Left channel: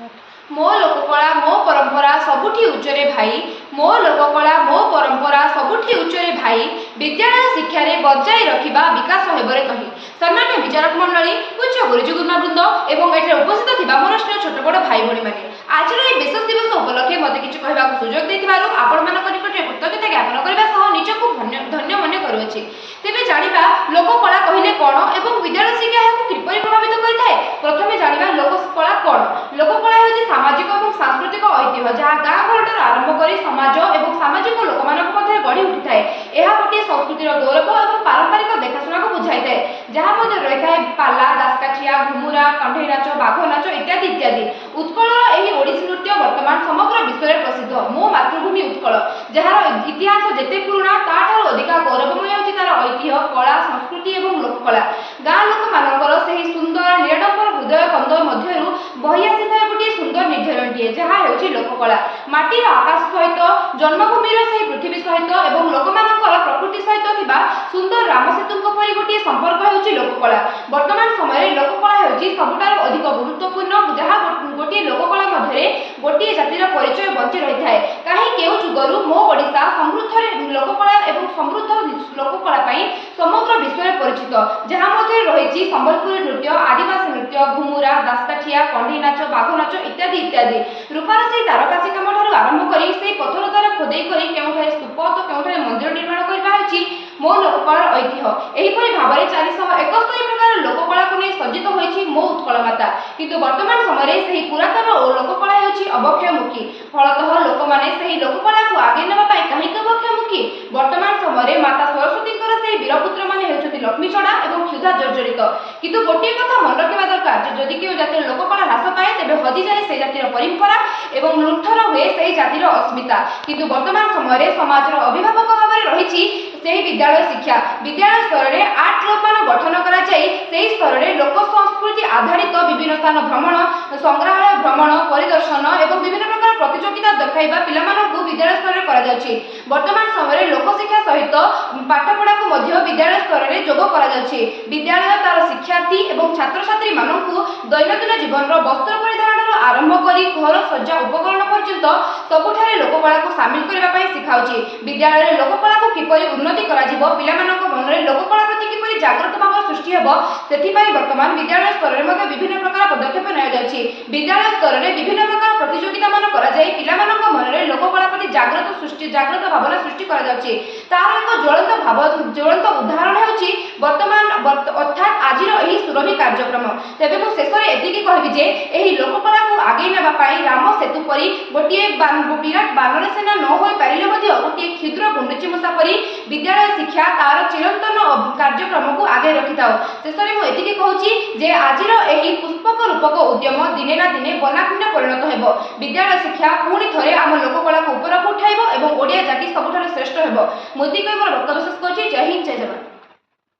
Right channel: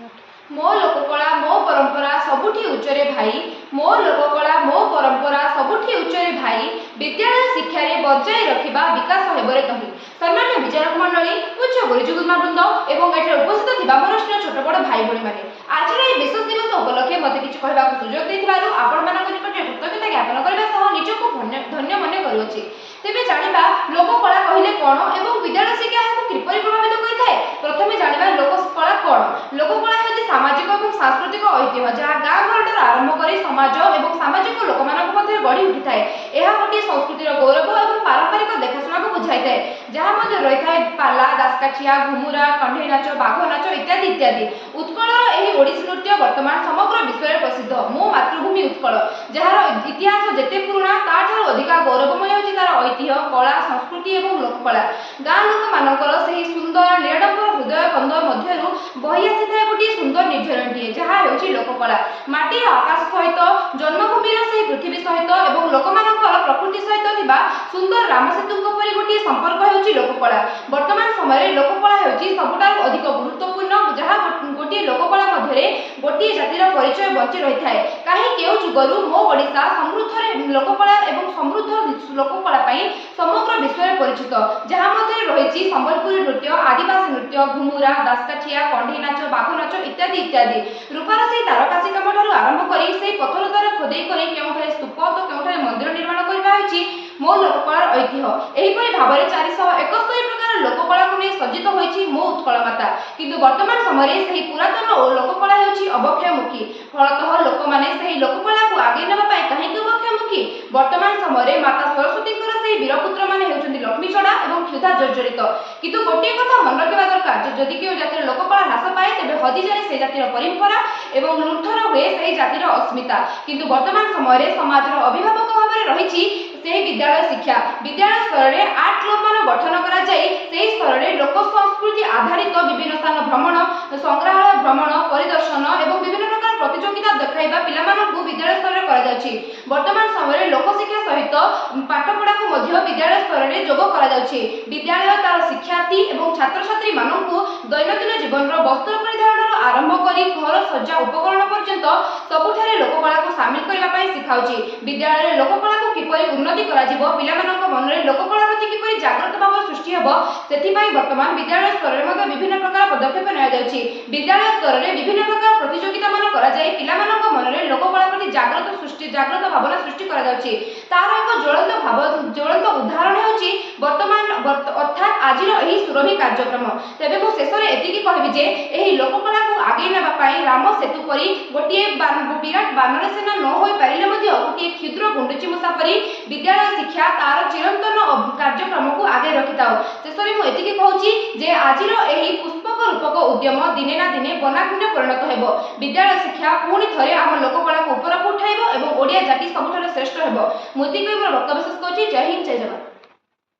मो लोककला मो परंपरा सबुठी उच्चरे भाई मो लोककला मो परंपरा सबुठी उच्चरे भाई विद्यालय शिक्षा रे बजाय रखिबा विकास हेबरे कही। सम्मान्य विचारक मंडली उच्च गुरुजी गुरुमावृंद एवं एठे उपस्थित थिबा मोर छोट बड़ भाई भणी माने आज ए विशेष दिवस उपलक्षे मते किछ कहबा सुजोग दैथिबारु आपण मानक निकटे कृतज्ञता ज्ञापन करबा सह निजको धन्य मन करूछि। तेबे जानिबा लोककला कहिले कोन एवं विद्यालय शिक्षा हेकु किपरि प्रभावित करिथाय। प्रथमे जानिबा लोककला कोन। लोककला हेउछि सामाजिक और सांस्कृतिक ऐतिह्य जहाँ गाँ घर आरंभ कर समाज और सामाजिक लोक मध्य गढ़ी उठी थाए। यह गोटे संस्कृतिर गौरव और पारंपरिक देखाशुना को बुझाई थाए जहाँ रही है पाला दासकाठिया घुमुरा कंठई नाच बाघ नाच इत्यादि इत्यादि। उत्कलर यही ओडिसी नृत्य वर्तमान समग्र विश्व में प्रसिद्ध। मो मातृभूमि उत्कल जार इतिहास जेते पुराणा ताठार अधिक गौरवमय होछि तार ऐतिह्य कला संस्कृति और लोककला। गाँ लोक मानकर सही सुंदर निराडंबर हृदय कंद मध्यरु बही आसी थाए गोटे सुंदर निर्झरणटीए जहाँ हेउछि लोककला। माटीर आकाश सहित जन्मभूमिर सही पृथ्वी सहित और लोकमानकर प्रकृति सहित थिबा सुंदर रामसेतुंक परि गोटे संपर्क हेउछि लोककला। वर्तमान समय लोककला हेउछि सबुठारु अधिक गुरुत्वपूर्ण जहाँ गोटे लोककला मध्यरे गोटे जातिर परिचय बंची रही थाए। काहे केउ जुगरु मो ओडिशा समृद्ध लोककला एवं समृद्ध लोककला पई समग्र विश्व में परिचित जहाँ मध्य रही संबलपुरी नृत्य आदिवासी नृत्य घुमुरा दासकाठिया कंढी नाच बाघ नाच इत्यादि इत्यादि। रूपार से तारकासी कम ठार आरंभ कर पथर द्वारा खोदे कर स्तूप तो के मंदिर निर्माण कर मो लोककलार ऐतिह्य। एहीपरि भाव में 471 प्रकार लोककला को नहीं सज्जित होइछि मो उत्कल माता। किंतु वर्तमान समय से पुरातन लोककला हेउछि अबक्षयमुखी। फलतः लोक माने सही लोककला को आगे नेबा पाई काहेकि अबक्षयमुखी। वर्तमान समय माता सरस्वती से वीरपुत्र माने हेउछन्ति लक्ष्मी चढ़ा और क्षुधा जर्जरित। किंतु गोटे कथा मन रखा दरकार जदि केउ जातिर लोककला ह्रास पाए तेबे हजि जाए से जातिर परंपरा एवं लुंठन हुए से जातिर अस्मिता। किंतु वर्तमान समय समाजर अभिभावक भाव में रही विद्यालय शिक्षा विद्यालय स्तर में 8 क्लब मान गठन करा जाई सेही स्तर में लोक संस्कृति आधारित विभिन्न स्थान भ्रमण संग्रहालय भ्रमण परिदर्शन एवं विभिन्न प्रकार प्रतियोगिता देखाइबा पिलामानकु विद्यालय स्तर में करा जाउछि। वर्तमान समय लोक शिक्षा सहित पाठपढ़ा को मध्य विद्यालय स्तर में जोग करा जाउछि। विद्यालय तार शिक्षार्थी एवं छात्र छात्री मानकु दैनंदिन जीवन वस्त्र परिधान आरंभ करी घर सज्जा उपकरण पर्यंत सबुठारे लोककला को सामिल करबा पई सिखाउछि। विद्यालय लोककला को किपरि उन्नति करा जिवो पिलामानक मनरे लोककला प्रति किपरि जागृत भाव सृष्टि हेबो सेथिपाई वर्तमान विद्यालय स्तर में मध्य विभिन्न प्रकार पदक्षेप नया जाउछि। विद्यालय स्तर में विभिन्न प्रकार प्रतियोगिता मान करा जाई पिलामानक मनरे लोककला प्रति जागृत भावना सृष्टि करा जाउछि। तार एक ज्वलंत उदाहरण हेउछि वर्तमान अर्थात आजिर एही सुरभि कार्यक्रम। तेबे मो शेषरे एतिकी कहबि जे एही लोककला को आगे नेबा पाई राम सेतु परि गोटिए विराट बानर सेना न होई पारिले मध्य गोटिए क्षुद्र गुंडुची मूषा परि विद्यालय शिक्षा तार चिरंतन कार्यक्रम को आगे रखिथाओ। शेषरे मो एतिकी कहूछि जे आजिर एही पुष्पक रूपक उद्यम दिने ना दिने बनाखिंड परिणत हेबो। विद्यालय शिक्षा पुणी थरे आम लोककला को ऊपर उठाइबो एवं ओडिया जाति सबुठारे श्रेष्ठ हेबो। मोती कई मोर वक्तव्य शेष करछि। जय हिंद जय जवान।